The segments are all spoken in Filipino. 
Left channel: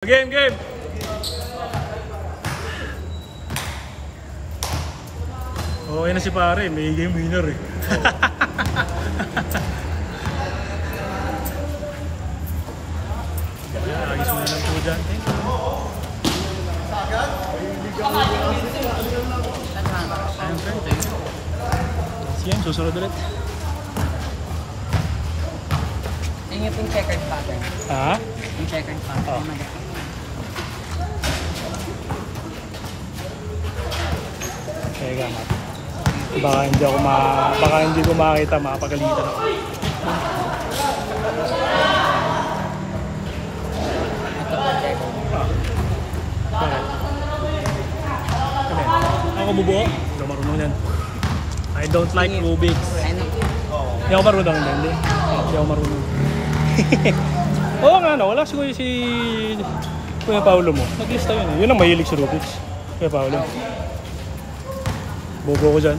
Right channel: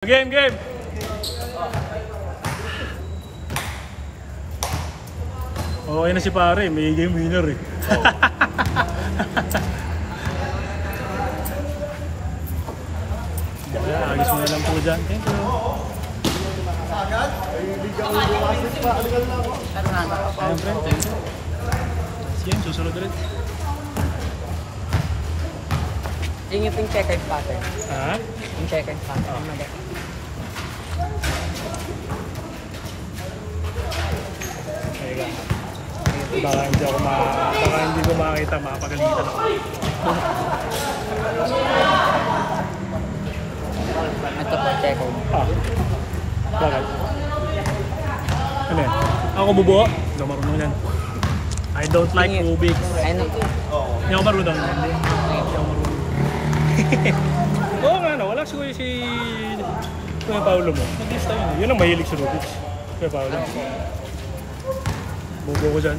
Game! Okay na si pare, may game winner eh. Ayos mo na lang po dyan. Siyempre, sige, susunod ulit. Yung yung checkered pattern. Ha? Yung checkered pattern. Oh. Baka hindi ko makita, mapagalitan ako. Bakit? Ano? Ako bubuo? Hindi ako marunong yan. I don't like Rubik's. Hindi ako marunong yan. Hindi ako marunong. Oo nga, wala siguro si Kuya Paolo mo. Naglista yun. Yun ang mahilig si Rubik's. Kuya Paolo. Bubo ko dyan.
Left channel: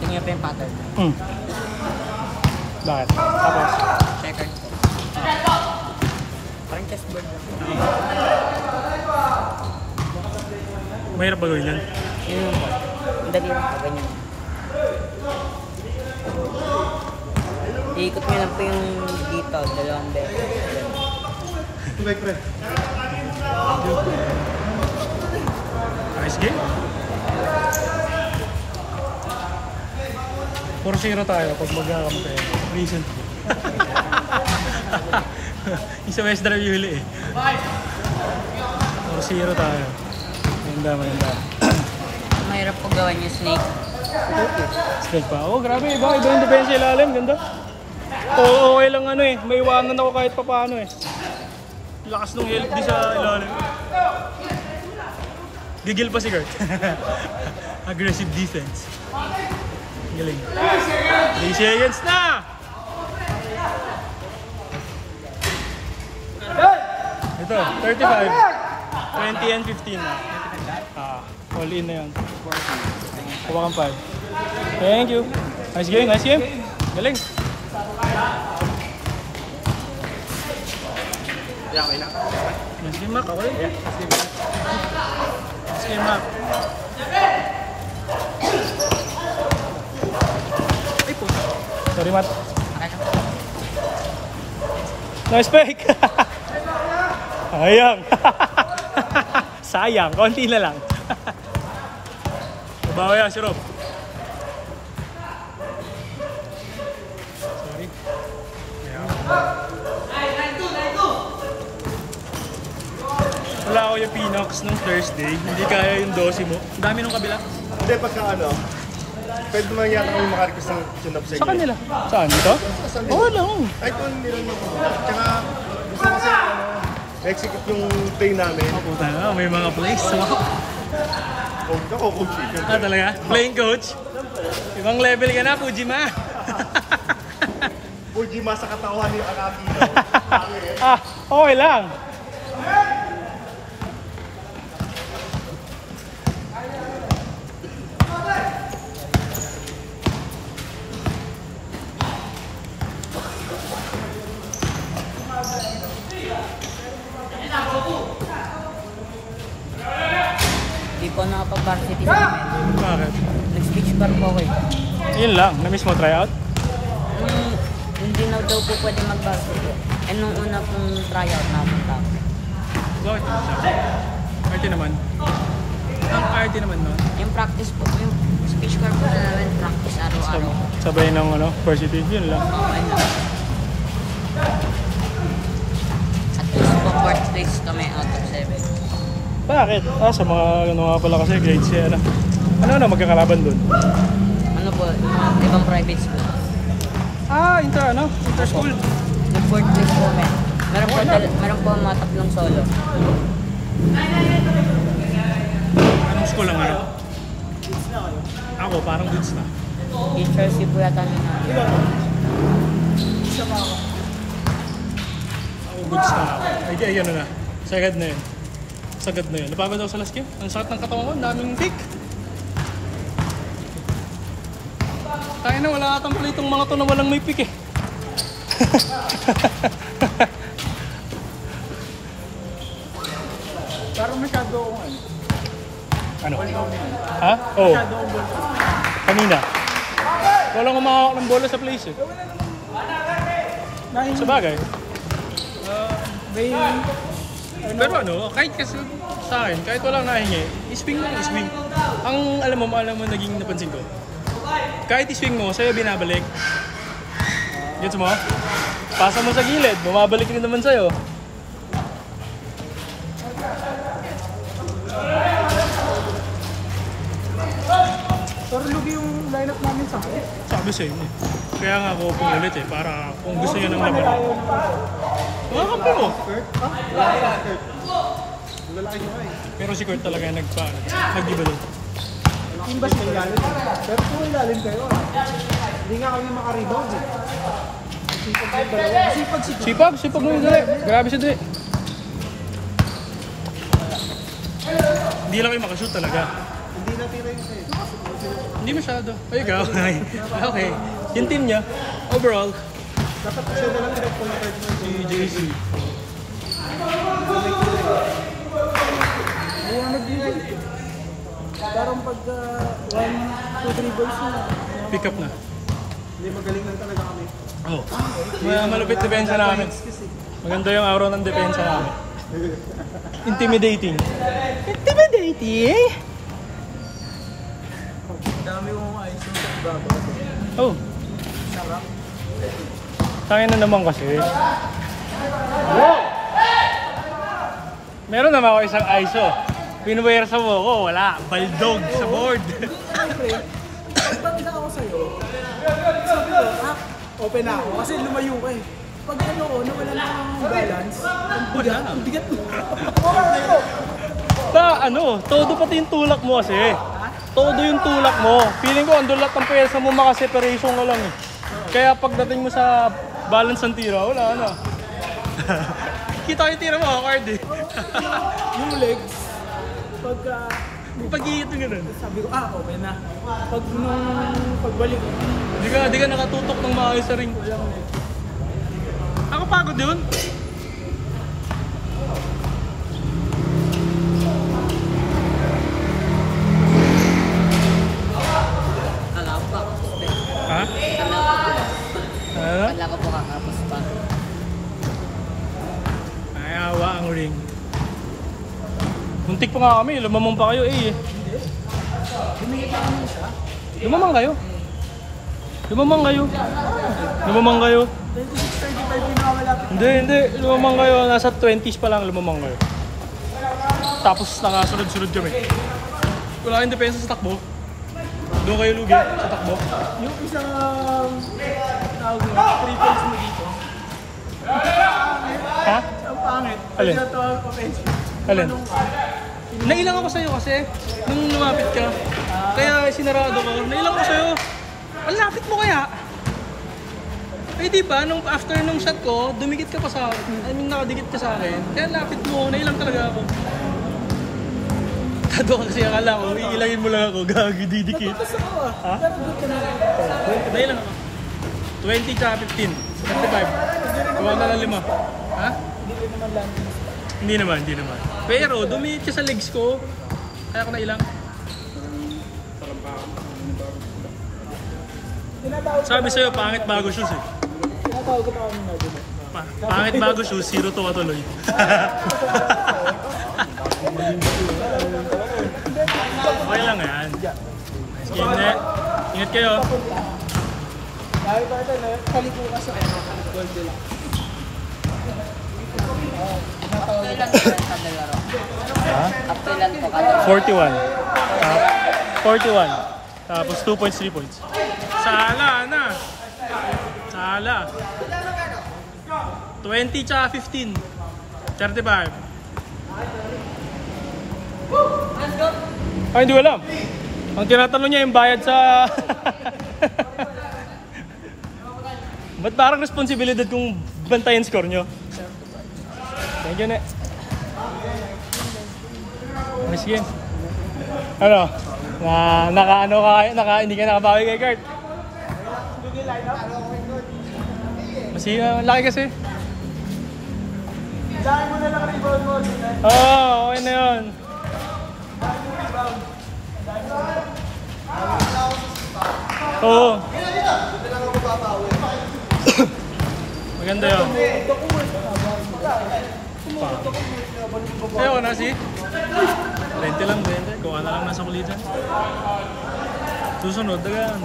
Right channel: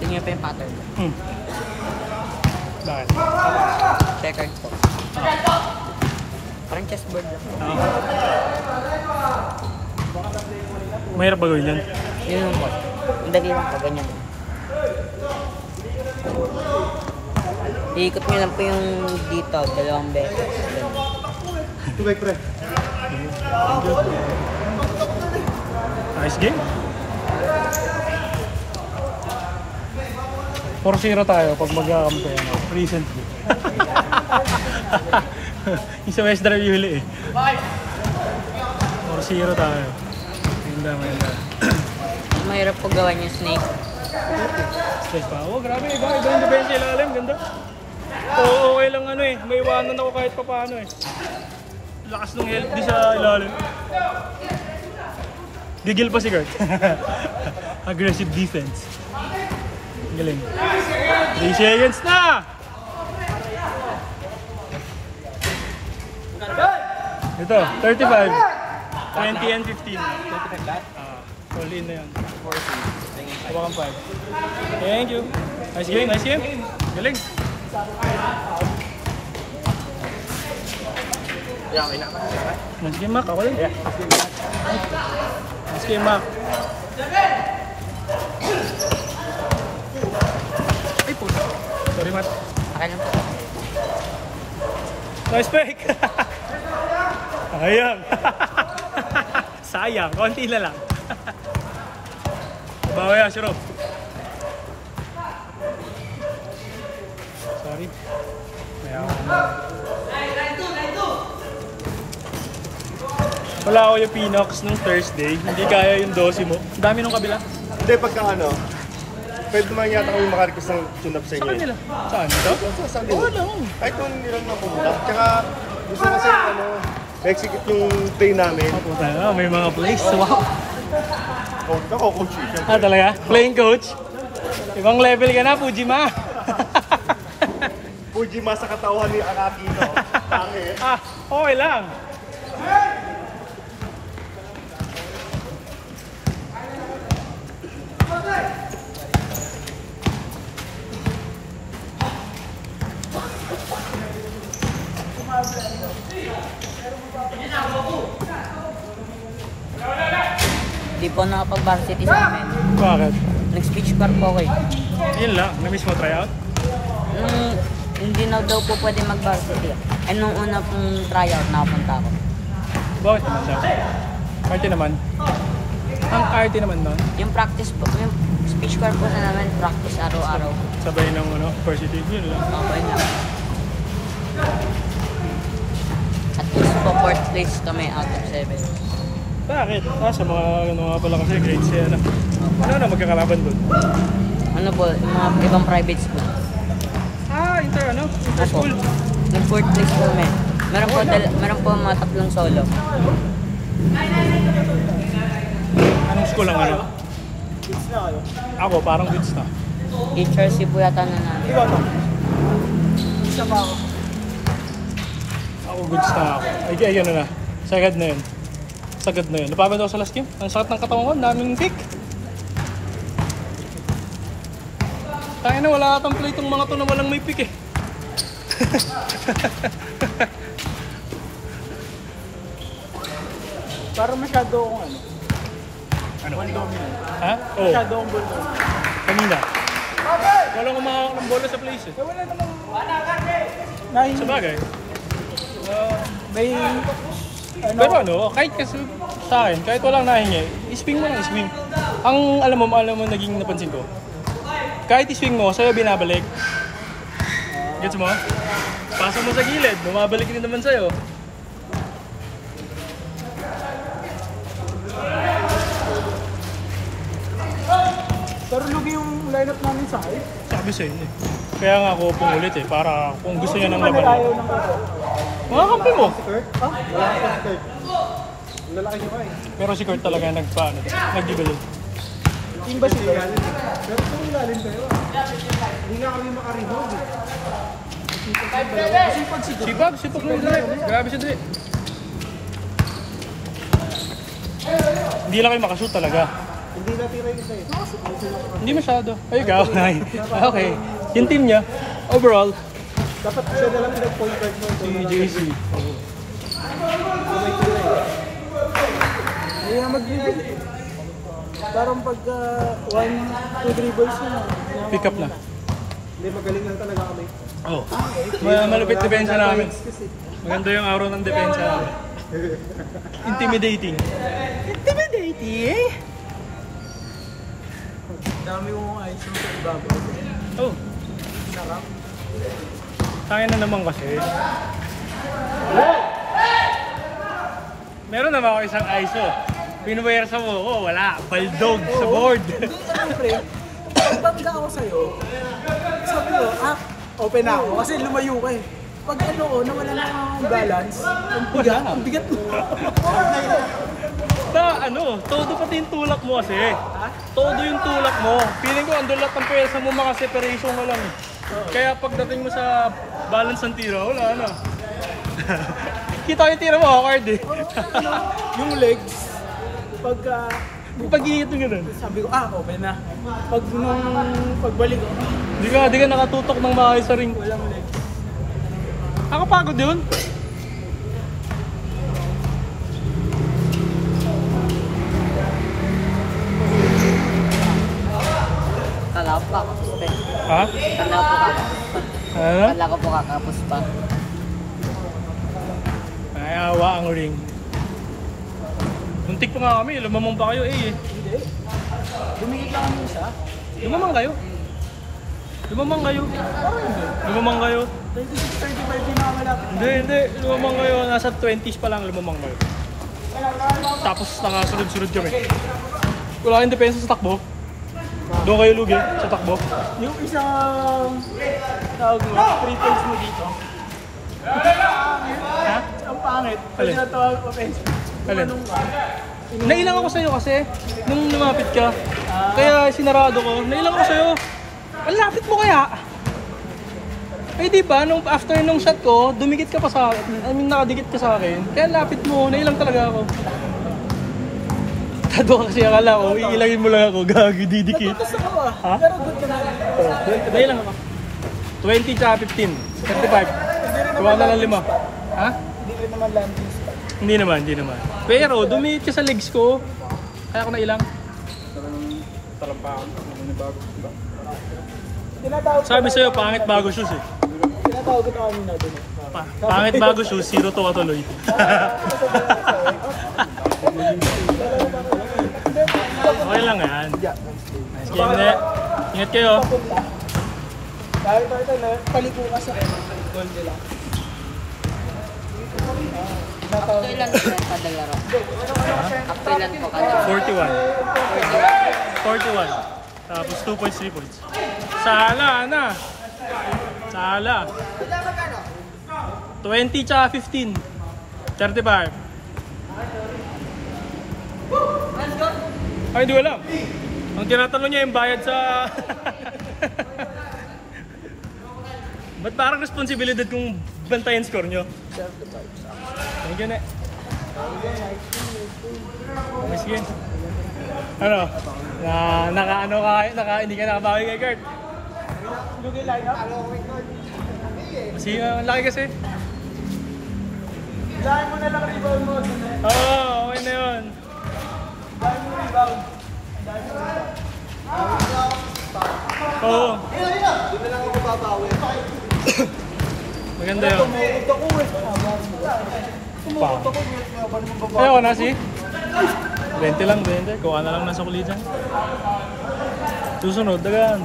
Tingnan pa yung pattern. Bakit? Checkered to. Parang chessboard. Mahirap ba gawin yan? Yung dali lang po, ganyan. Iikot mo lang po yung dito, dalawang beses. Tubig pre. Nice game. 4-0 tayo pag mag-akampi. Recently. Yung sa West Drive yung huli eh. 4-0 tayo. Maganda. Mahirap po gawan yung snake. Straight pa. Oh, grabe. Iba yung defense ilalim. Ganda. Oo, okay lang ano eh. May iwanan ako kahit pa paano eh. Lakas nung help di sa ilalim. Gigil pa si Gert. Aggressive defense. Galing. 3 seconds na! Ito, 35. 20 and 15. All in na yun. 40. Thank you. Nice game. Galing. Okay na. Nice game, Mac. Okay. Nice game, Mac. Ay po. Sorry, Matt. Nice pick. Sayang. Konti na lang. Bawa yan, si Rob. Sorry. Wala ako yung Pinox nung Thursday. Hindi kaya yung 12 mo. Dami nung kabila. Hindi, pagka ano, pwede naman yata kami makarikis ng tune-up sa inyo. Sa kanila? Saan? Ito? Oo lang. Kahit kung hindi lang mapupunap. Tsaka gusto kasi ano, na-execute yung play namin. Puta na, may mga plays. Wow. Coach ako, coach. Talaga? Playing coach? Ibang level ka na, Fujima. Fujima sa katawan ni Akaki. Okay lang. Hindi po nakapag-varsity sa amin. Bakit? Nag-speech bar po ako eh. Yun lang, na-miss mo tryout? Hindi na daw po pwede mag-varsity. Nung una pong tryout nakapunta ako. Bakit? Arte naman. Ang arte naman nun? Yung practice po, yung speech bar po naman, practice araw-araw. Sabay ng varsity, yun lang. Mabay na. At least po 4th place kami out of 7. Bakit? Sa mga pala kasi grades siya na. Ano na magkakalaban dun? Ano po, mga ibang private school. Inter-school. Yung 4th place po kami. Meron po mga tatlong solo. Anong school ang ano? Ako, parang goods na. HRC po yata. Di ba? Isa pa ako. Ako goods na ako. Ay, ano na. Sagad na yun. Sagad na yun. Napagod ako sa last game. Ang sakit ng katawan ko. Ang daming kick. Tayo na, wala atang play itong mga to na walang may pick eh. Parang masyado akong ano. Ano? Ha? Oo. Masyado akong bulto. Kanina. Walang umakakak ng bola sa place eh. Sa bagay. May... Pero ano, kahit kasi sa akin, kahit walang nahingi, swing mo, swing. Ang alam mo naging napansin ko. Kahit swing mo, sa'yo binabalik. Gets mo? Pasa mo sa gilid, bumabalik rin naman sa'yo. Pero lugi yung lineup namin sa akin. Sabi sa'yo eh. Kaya nga ako pumulit eh, para kung gusto niya ng laban. Makakampi mo. Lalaki siya kayo. Pero si Kurt talaga nag-gibalik. Yung ba siya ilalim? Pero kung may ilalim kayo, hindi nga kami makarebound eh. Sipag mo Dre. Grabe si Dre. Hindi lang kayo makashoot talaga. Hindi natira yun kayo. Hindi masyado. Ay, ikaw. Ay, okay. Yung team niya, overall, Dapat siya na lang yung point guard na si JC. Kaya mag-dribble. Parang pagka 1, 2 dribbles na. Pick up na. Hindi, magaling lang talaga kami. Oh. Malupit depensa namin. Maganda yung aura ng depensa namin. Intimidating. Intimidating? Dami kong ayos sa ibabaw. Oh. Sarap. Kaya na naman kasi. Meron naman ako isang ISO. Pinuwersa mo ako, wala. Baldog sa board. Pag ako sa'yo, sabi ko, open ako. Kasi lumayo ka eh. Pag ano ko, nawala ng balance, ang bigat mo. Todo pati yung tulak mo kasi. Todo yung tulak mo. Feeling ko, andun lahat ng pwersa mo, maka-separation mo lang eh. Kaya pagdating mo sa balance ng tira, wala na. Kita yung tira mo, awkward eh. Yung legs, Pag-iit mo gano'n. sabi ko, open na. Pagbalik, Di ka nakatutok ng maayos sa ring. Nakapagod yun. Kala ko kakapos pa. Ha? Ano? Kala ko po kakapos pa. Ayawa ang ring. Muntik pa nga kami, lumamang pa kayo eh. bumigit lang kami siya. Lumamang kayo. Lumamang kayo. Lumamang kayo. 26-35 pinakalapit. Hindi. Lumamang kayo. Nasa 20s pa lang lumamang kayo. Tapos nakasunod-sunod kami. Wala kayong depensa sa takbo. Doon kayo lugi sa takbo. Yung isang tawag mo, triples mo dito. Ha? Ang pangit. Pag Alin? tinatawag offensive. Alin? Anong ka? Nailang ako sa'yo kasi nung lumapit ka. Kaya sinarado ko. Nailang ako sa'yo. Ang lapit mo kaya? Eh di ba, nung after nung shot ko, dumikit ka pa sa akin. I mean, nakadikit ka sa akin. Kaya lapit mo, nailang talaga ako. Kado kasi akala ko, iilangin mo lang ako, gagi didikit. Kasi ako Ha? Pero doon ka na. Nailang ako. 20 ka 15, 25. Kuha na lang 5. Ha? Hindi rin naman lang. Hindi naman. Pero dumikit ka sa legs ko. Kaya ako nailang. Sabi sa'yo, pangit bago shoes eh. Tinatawag ko kami na doon. Pangit bago shoes, 0 to katuloy. Okay lang yan. Nice game na. Ingat kayo. Dahil natin na, paliko ka sa Kailan ko yung kadalaro? Kailan ko kadalaro? 41. Tapos 2 points, 3 points. Sala na. Sala. 20 tsaka 15. 35. Ay, hindi ko alam. Ang tinatanong niya yung bayad sa... Ba't parang responsibilidad kung bantayin score nyo? Thank you, ne. Sige. Ano? Hindi ka nakabawi kay Kurt. Lugi lineup. Laki kasi. Dahil mo na lang rebound mo. Okay na yun. Dahil mo rebound. Oo. Maganda yun. Ayaw na si. 20 lang, 20. Gawa na lang nasa kulitan. Susunod, dagan.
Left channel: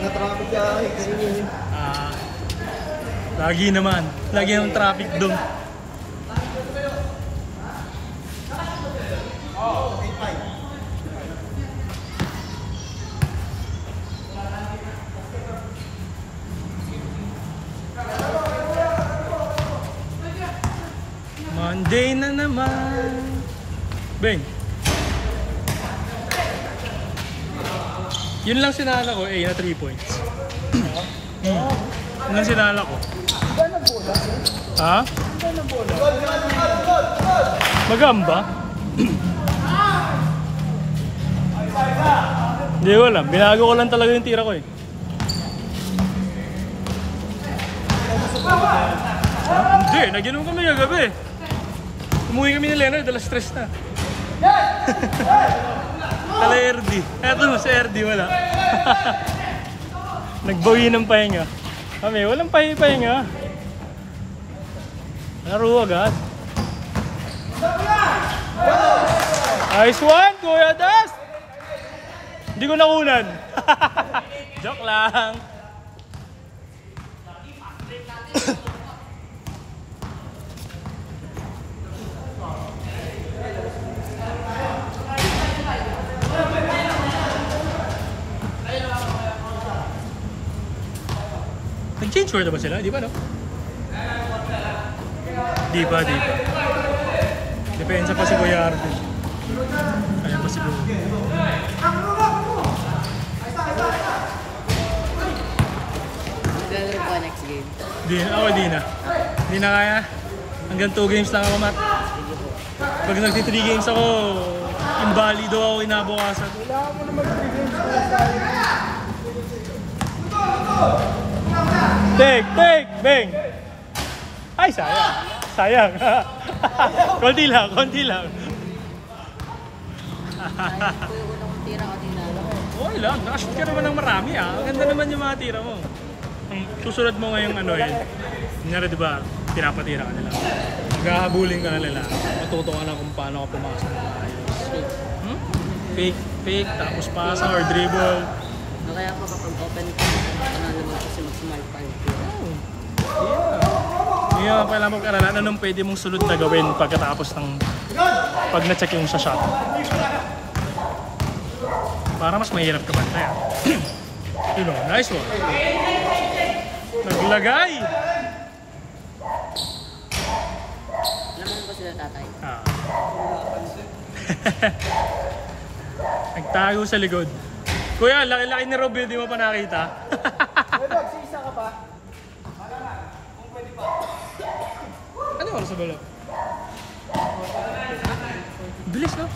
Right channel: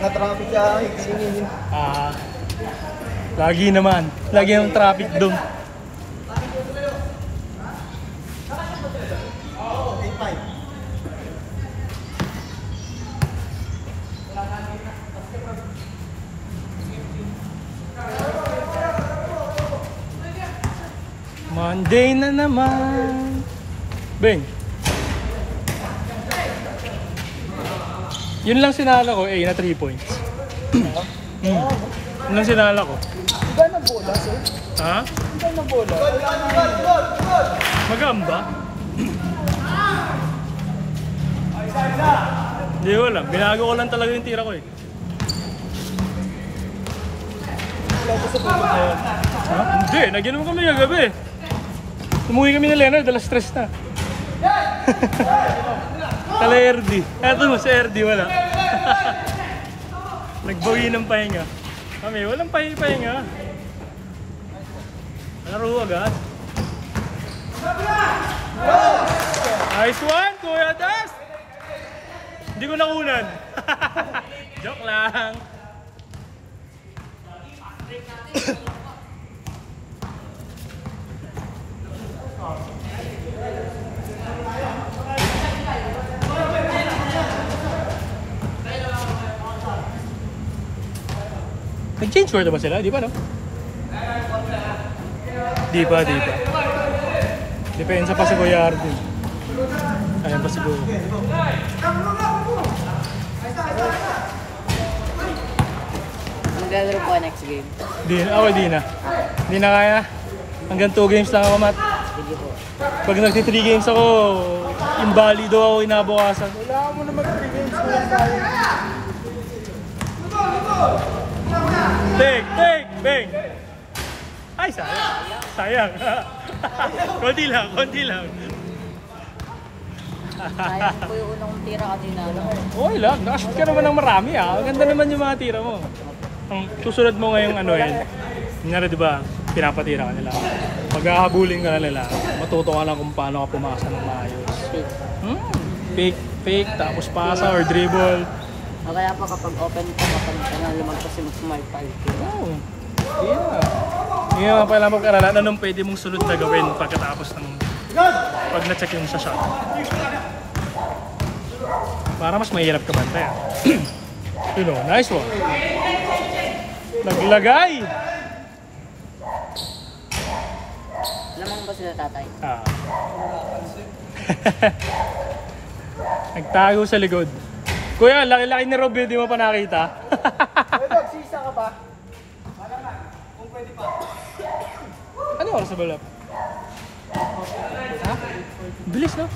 Natrapik ka akin. Lagi naman. Lagi yung traffic doon. Monday na naman. Beng. Yun lang sinala ko, na 3 points. Yun lang sinala ko. Ha? Magamba? Hindi ko alam. Binago ko lang talaga yung tira ko eh. Ha? Hindi. Naginom kami kagabi. Umuwi kami ni Leonard. Dala stress na. Kala RD. Eto mo si RD wala. Nagbawi ng pahinga. Kami walang pahinga. Laro agad. Nice one, Kuya Des! Hindi ko nakunan. Joke lang. Nag-change word ba sila? Di ba no? Di pa. Depensa pa si Kuya Ardo. Ayan pa siguro. Maglalaro ba next game? Di na. Di na kaya. Hanggang 2 games lang ako, Matt. Pag nag-3 games ako, invalido ako inabukasan. Take, bang! Ay, sayang. konti lang. Sayang ko yung tira kanina. Okay lang, nakashoot ka naman ng marami ah. Ang ganda naman yung mga tira mo. Ang susunod mo ngayong kunyari diba, pinapatira ka nila. Paghahabulin ka nila, matuto ka lang kung paano ka pumasok ng ayos. Fake, tapos pasa or dribble. O kaya pa kapag open ka, naman kasi mag-smart tayo. Ngayon, kailangan mag-aralan anong pwede mong sunod na gawin pagkatapos ng pag na-check yung sa shot. Para mas mahirap ka bantay ah. Nice one. Naglagay! Naman ba sila tatay? Nagtago sa likod. Kuya, laki-laki ni Rob yun, di mo pa nakita. Sisa ka pa? Malaman, kung pwede pa. Ano oras sa balap? Ha? Bilis no?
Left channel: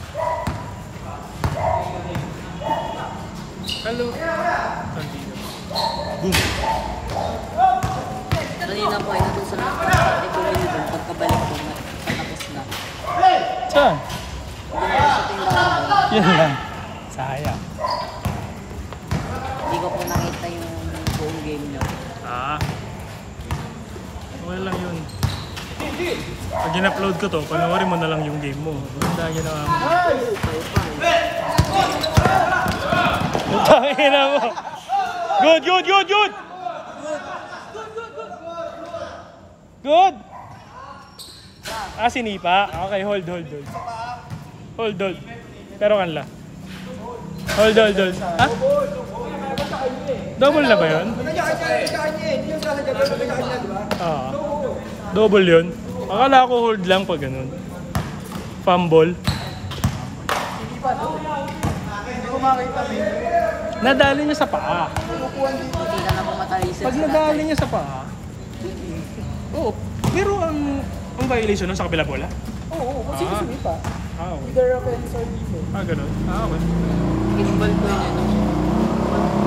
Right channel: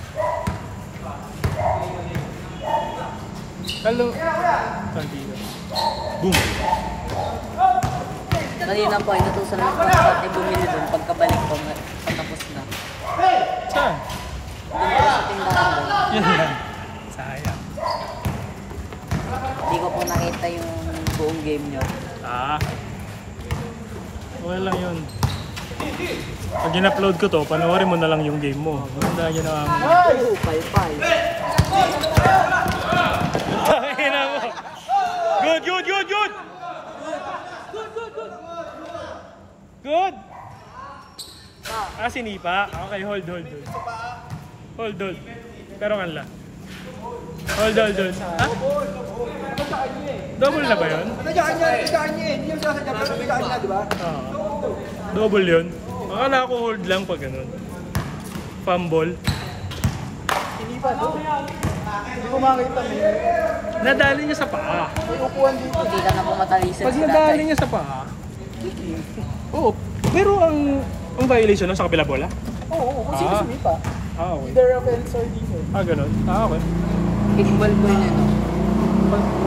Hello. Kantiyo. Boom. Kanina po, inutusan ako ito rin yung pagkabalik ko patapos na. Saan? Sa tindahan. Yun yan. Sayang. Hindi ko po nakita yung buong game nyo. Okay lang yun. Pag in-upload ko to, panoorin mo na lang yung game mo. Maganda ginawa mo. Pangina mo. Good! Good! Sinipa. Okay, hold. Hold. Pero kan lang. Hold. Ha? Double na ba yun? Double yun. Akala ko hold lang pag ganun. Fumble. Hindi pa to. Hindi ko makita may... Nadali niya sa paa. Hindi lang ako matalisa. Pag nadali niya sa paa, Oo, pero ang violation nun sa kabila bola? Oo, kasi Ah. sumipa. Okay. Either offense or defense. Ganun. Okay. Equal po yun.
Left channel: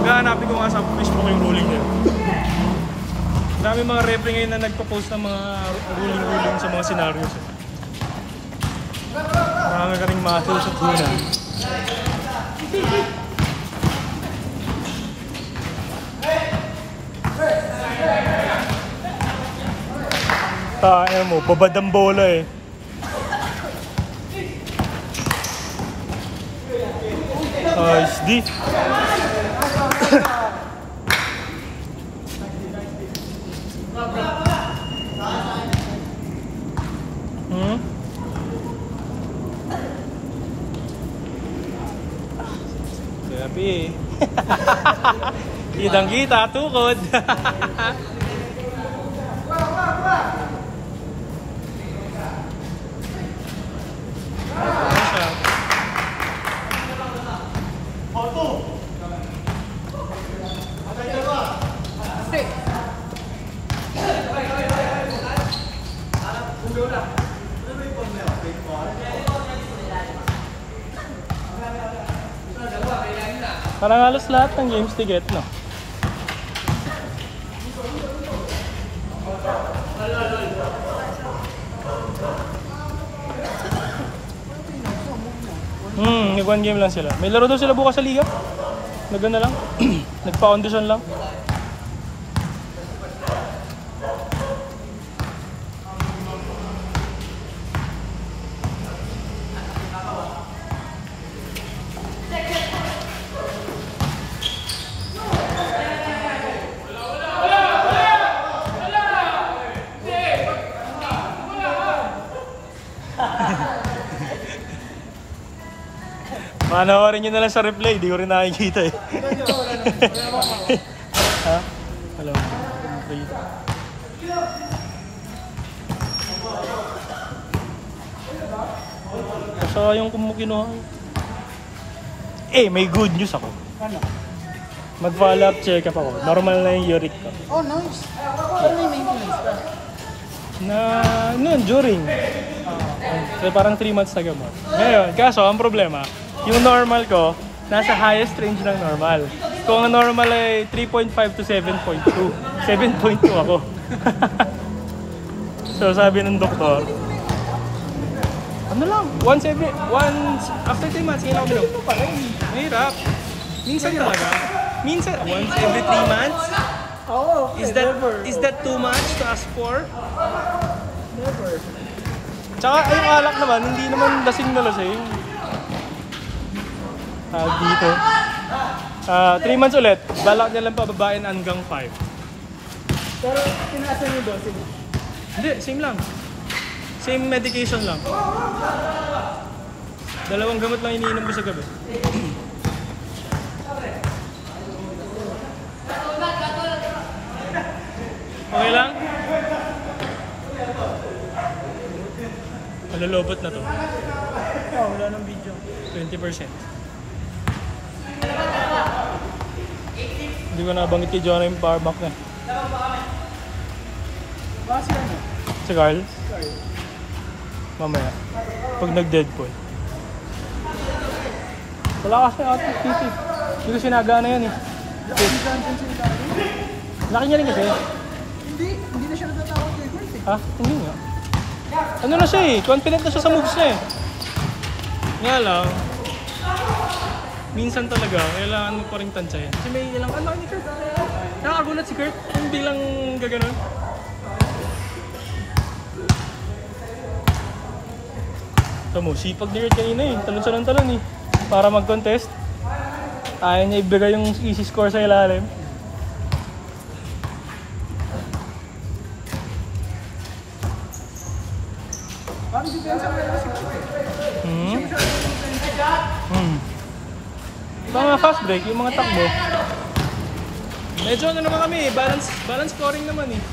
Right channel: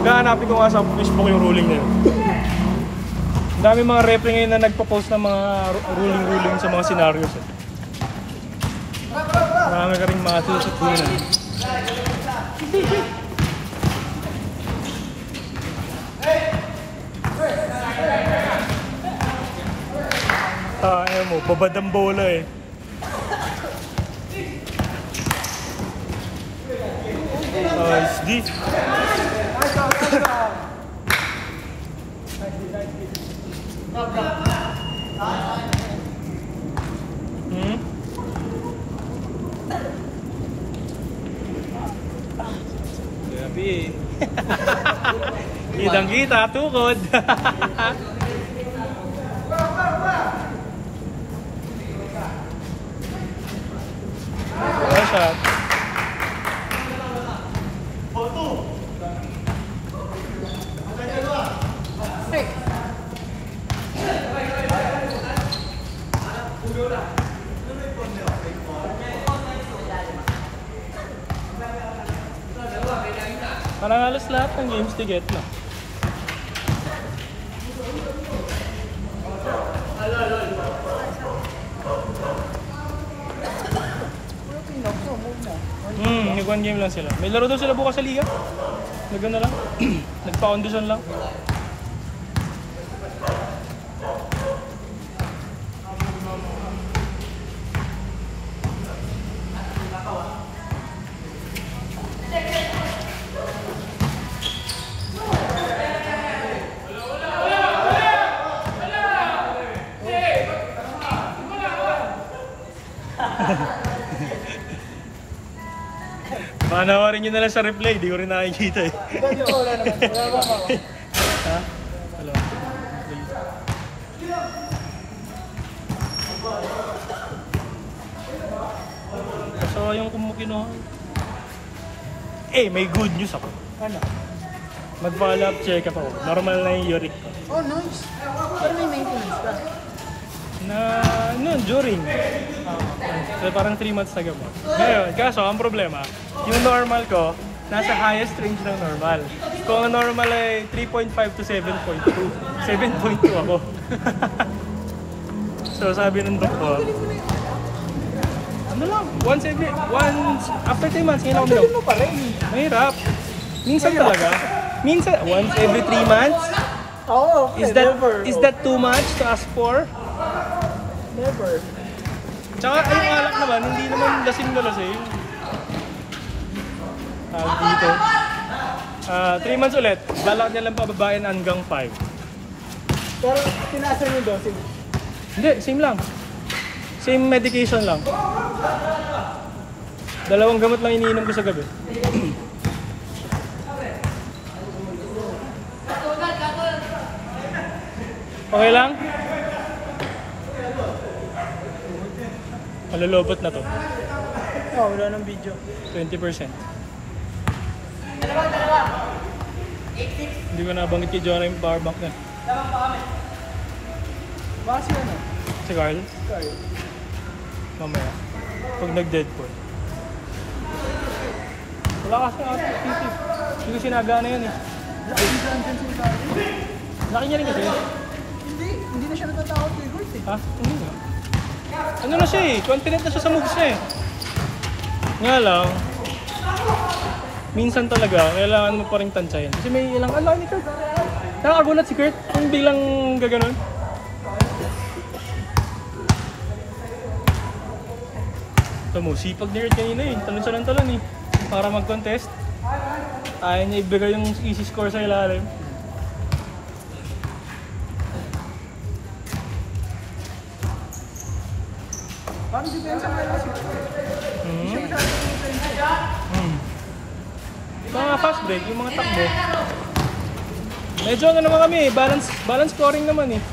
Gahanapin ko nga sa Facebook yung ruling na yun. Ang dami mga referee ngayon na nagpo-post ng mga ruling sa mga scenarios. Marami ka rin muscles at huna. Tayo mo, babad ang bola eh. Nice D. Grabe. Kitang kita, tukod. Shot. Parang halos lahat ng games to get, no? Nag-one game lang sila. May laro daw sila bukas sa liga. Nag-ano lang. Nagpa-audition lang. Manawarin nyo na lang sa replay, di ko rin nakikita eh. Ha? Hello. So yung kumukinuha. May good news ako. Ano? Mag-follow up check up ako. Normal na yung uric. Oh, nice. Pero may maintenance ka. During. Parang 3 months na gano'n. Ngayon, kaso ang problema, yung normal ko, nasa highest range ng normal. Kung ang normal ay 3.5 to 7.2. 7.2 ako. So sabi ng doktor, ano lang, after 3 months, ngayon ako minom. Mahirap. Minsan talaga. Minsan, once every 3 months? Oo, okay. Is that too much to ask for? Never. Tsaka yung alak naman, hindi naman lasing na lasing. Dito. 3 months ulit. Balak niya lang pababain hanggang 5. Pero pinasa mo daw, sige. Hindi, same lang. Same medication lang. 2 gamot lang iniinom ko sa gabi. Okay lang? Malulobot na to. Wala ng video. 20%. Hindi ko nabanggit kay Jonah yung power bank na. Baka si ano? Si Carl? Carl. Mamaya. Pag nag-deadpool. Wala kasi output PT. Hindi ko sinaga na yan eh. Diyan sa ilalim. Nakinya rin kasi. Hindi na siya natatakot kay Gort eh. Ha? Hindi nga. Ano na siya eh. Confident na siya sa moves niya eh. Nga lang. Minsan talaga, kailangan mo pa rin tansyahin. Kasi may ilang ano ni Kurt. Nakakagulat si Kurt kung bilang gaganon. Ito mo, sipag ni Kurt kanina eh. Talon siya ng talon eh. Para mag-contest. Ayaw niya ibigay yung easy score sa ilalim. Parang depensa mo lang si Gort eh. Hindi siya masyadong depensa. Mga fast break, yung mga takbo. Medyo ano naman kami, balance scoring naman eh.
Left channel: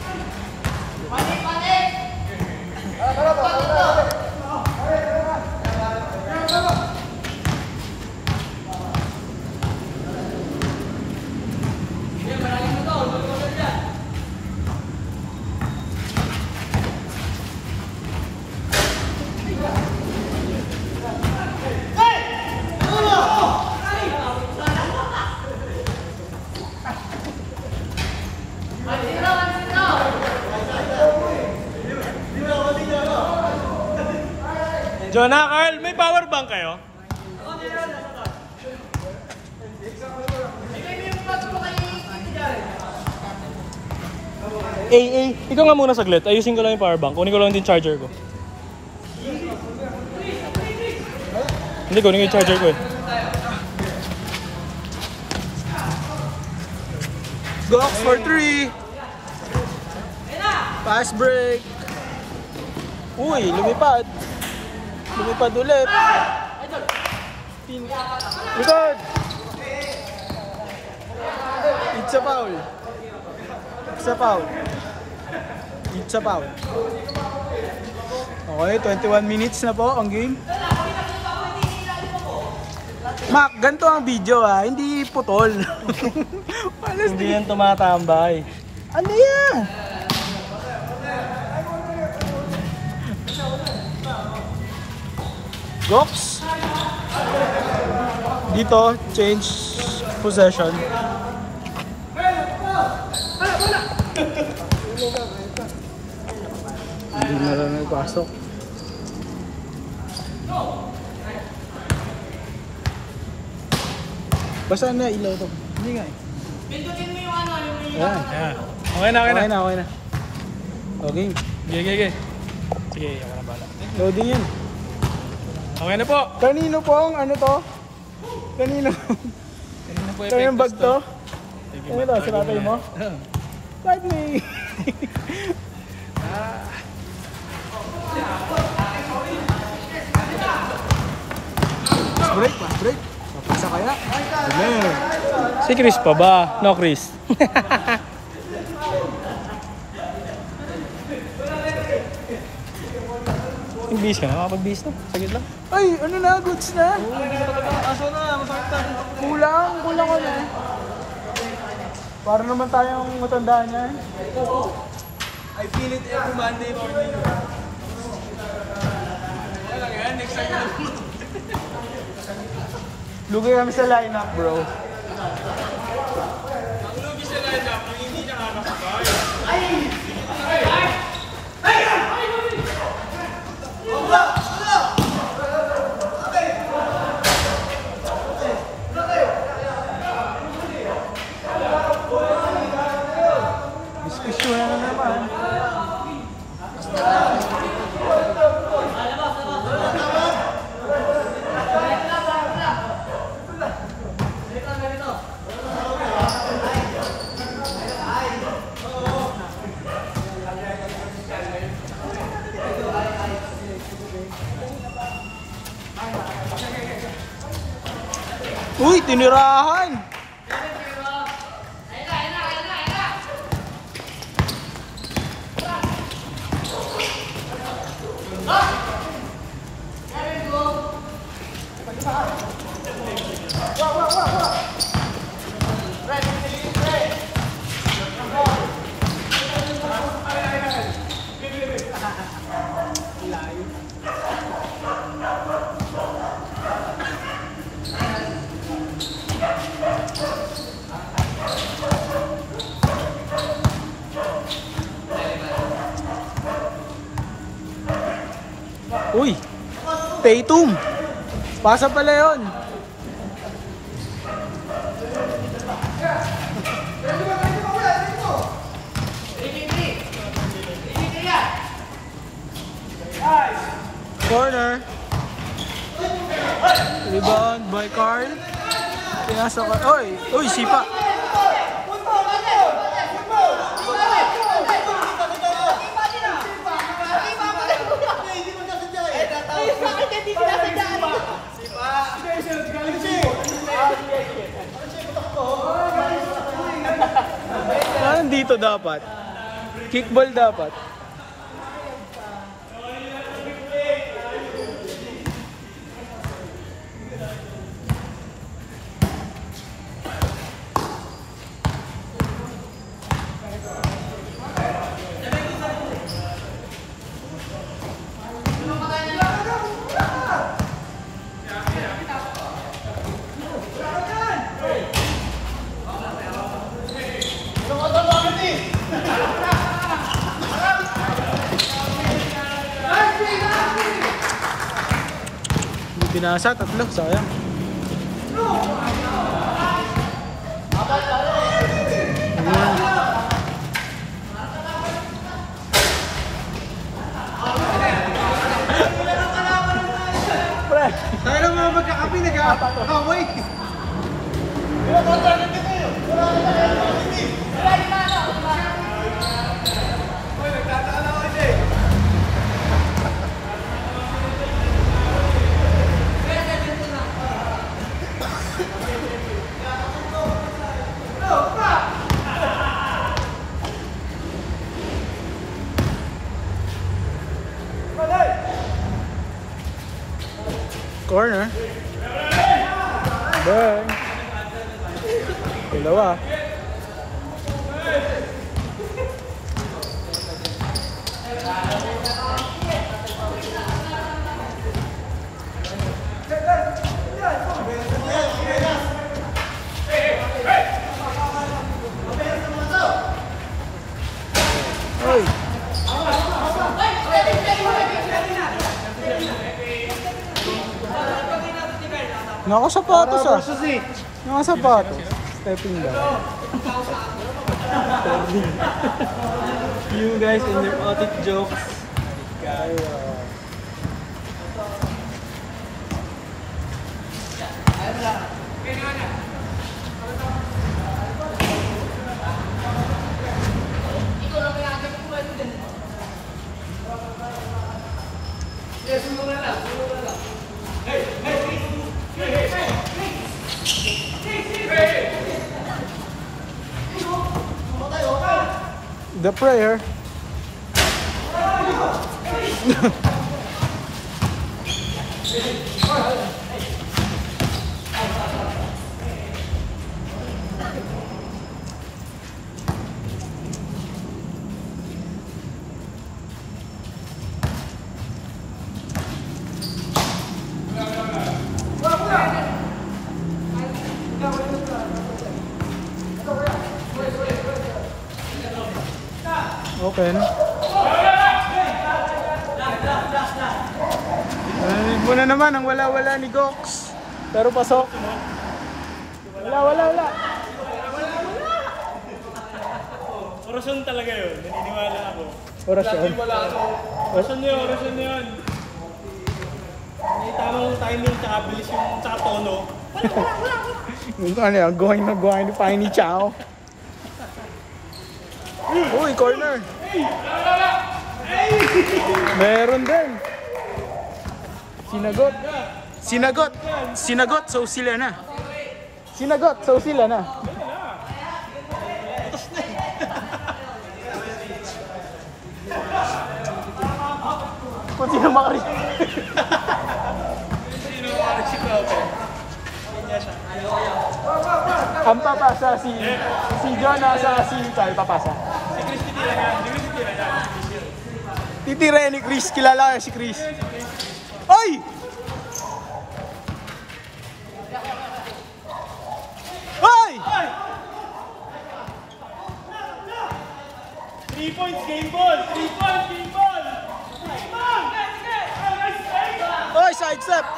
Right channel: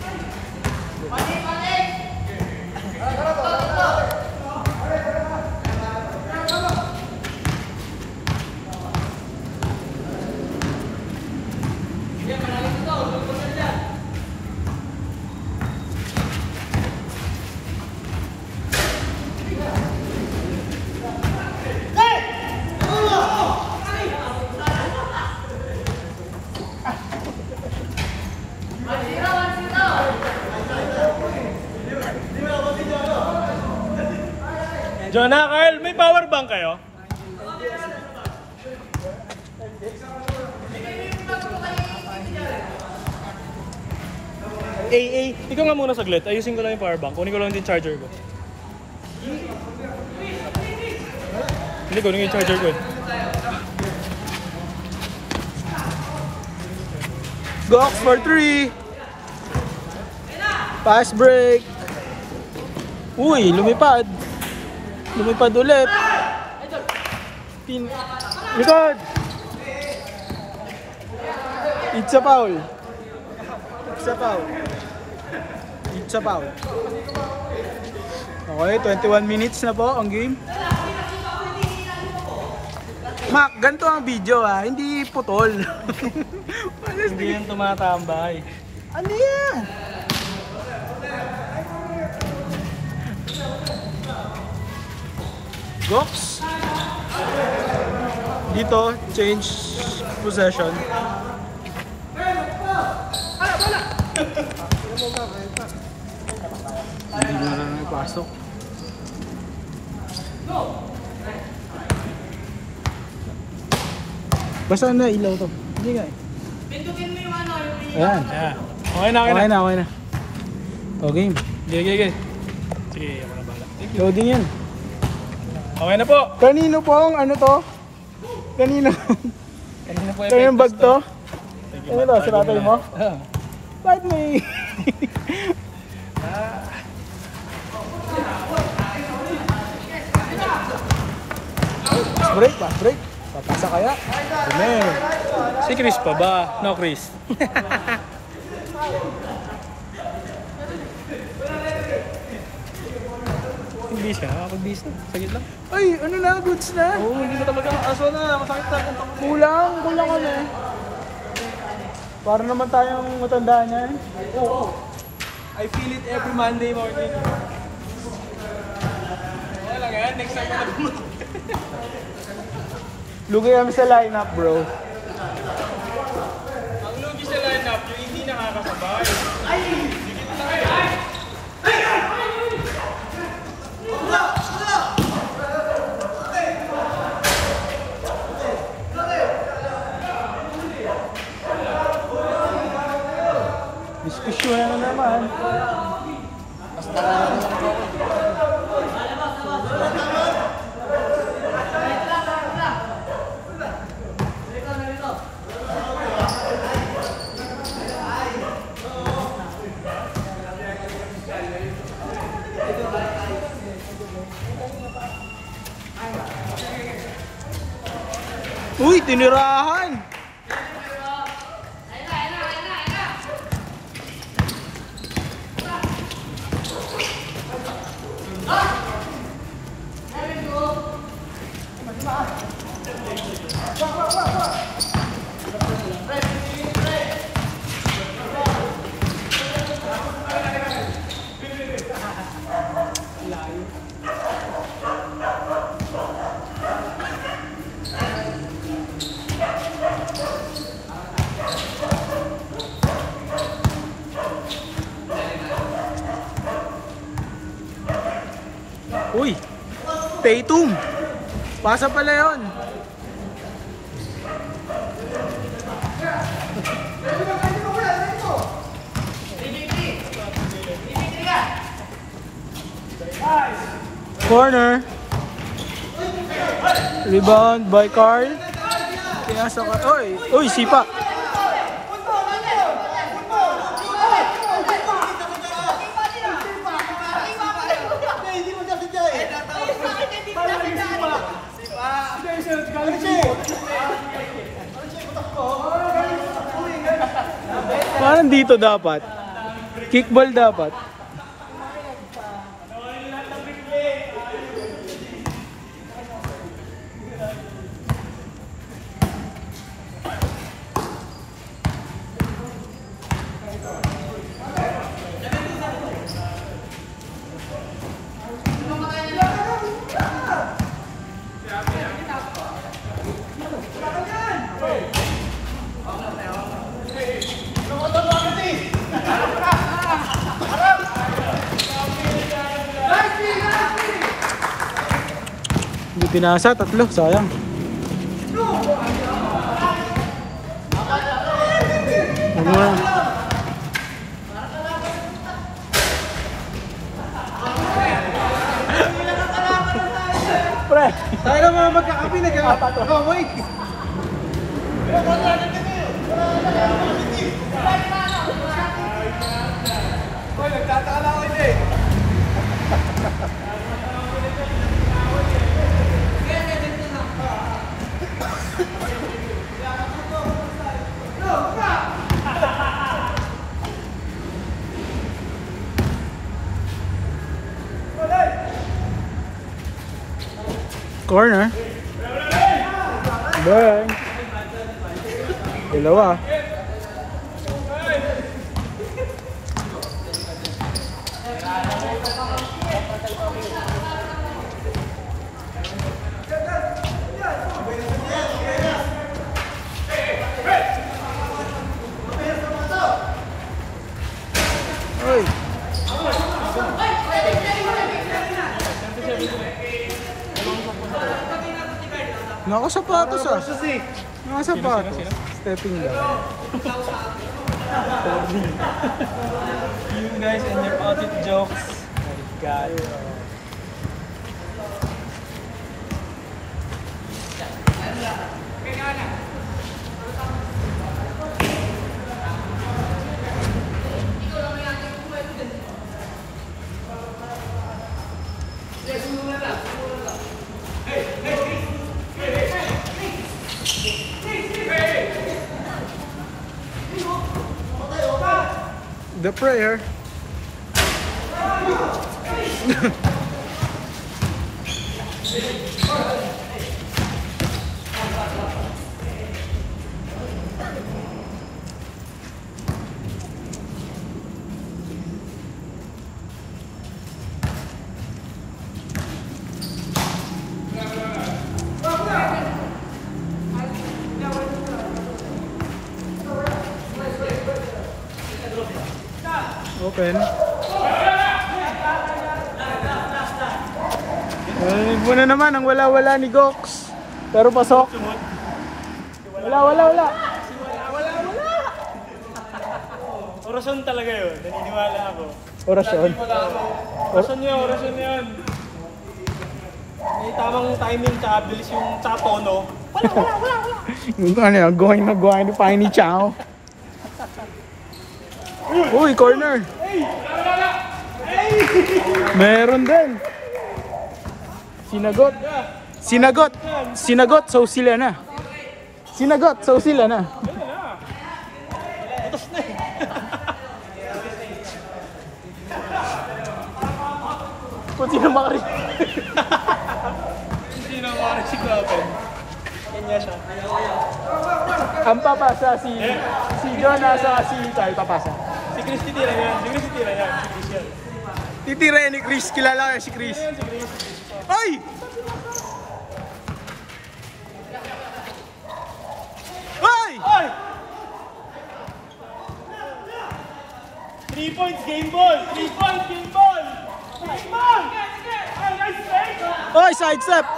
Jonah, Carl, may power bank kayo? Ikaw nga muna saglit. Ayusin ko lang yung power bank. Kunin ko lang din charger ko. Hindi, kunin ko yung charger ko eh. Gox for 3. Pass break. Uy, lumipad. Lumipad ulit. Likod. It's a foul. It's a foul. It's a foul. Okay, 21 minutes na po ang game. Mac, ganito ang video ah, hindi putol. Hindi yan tumatambay. Ano yan? Gox. Dito, change possession. Hindi na lang nagpasok. Basta na ilaw to. Hindi nga eh. Ayan. Okay na, okay na. Okay na. Okay. Sige. Sige, ako na bala. Loading yan. Okay na po. Kanino po ang ano to? Kanino? Kanina po Kaya yung bag to? Thank you, Ano to? Sinapal mo? Ah. Bakit may... Pass break. Papasa kaya? Sige. Si Chris pa ba? No, Chris. Bis ka, makapag-bis na. Sagit lang. Ay, ano na? Goods na? Kulang kami. Para naman tayong matanda niya eh. I feel it every Monday morning. Lugay kami sa lineup, bro. Diskusyon na naman. Uy, tinirahan! Uy! Tatum! Pasa pala yun! Corner! Rebound by Carl. Pinasa ka. Uy! Sipa! Parang dito dapat. Kickball dapat. pinasa, tatlo, sayang. Tayo na mga magkakapi, nag-away. Hoy, nagtataka na ako hindi. Corner. Bang. Dalawa. Oy. Nakasapatos ah. Nakasapatos. Stepping down. You guys and your audit jokes. God. The prayer. Open. Muna naman ang wala-wala ni Gox. Pero pasok. Wala. Orasyon talaga yun. Naniniwala ako. Orasyon. Orasyon yun. May tamang timing tsaka bilis yung tsaka tono. Ano, going ni Piney Chow. Uy, corner. Meron din. Sinagot, so sila na. Kung sino makari. Ang papasa si Jonah sa si Carl papasa. Titira ni Chris, kilala si Chris. Ay! Ay! 3 points, game ball! Ay, side step!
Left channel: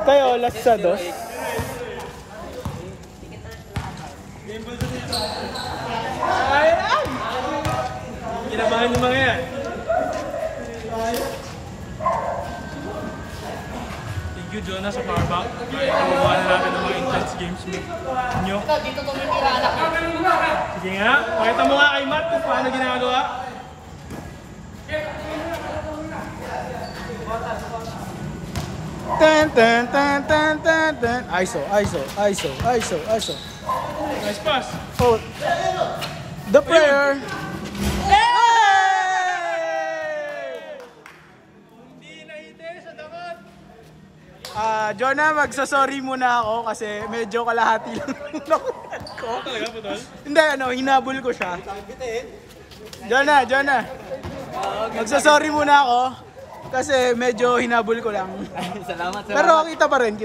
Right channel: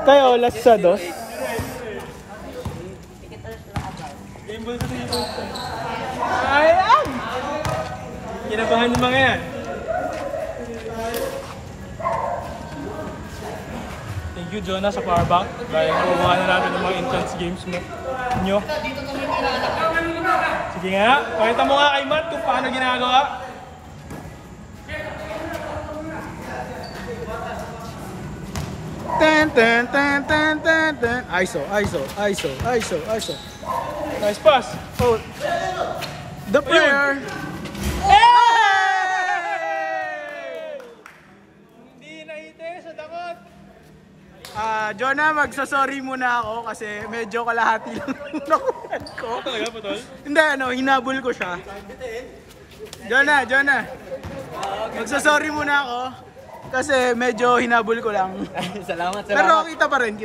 Tayo, last sa dos. Kinabahan yung mga yan. Thank you, Jonah, sa power bank. Dahil nababahan natin ng mga intense games nyo. Sige nga, pakita mo nga kay Matt kung paano ginagawa. Ten. ISO. Nice pass. Oh. The prayer. Jonah, magsasorry muna ako kasi medyo kalahati lang nakuhan ko. Hindi, hinabol ko siya. Jonah, magsasorry muna ako. Kasi medyo hinabol ko lang. Salamat. Pero kita pa rin.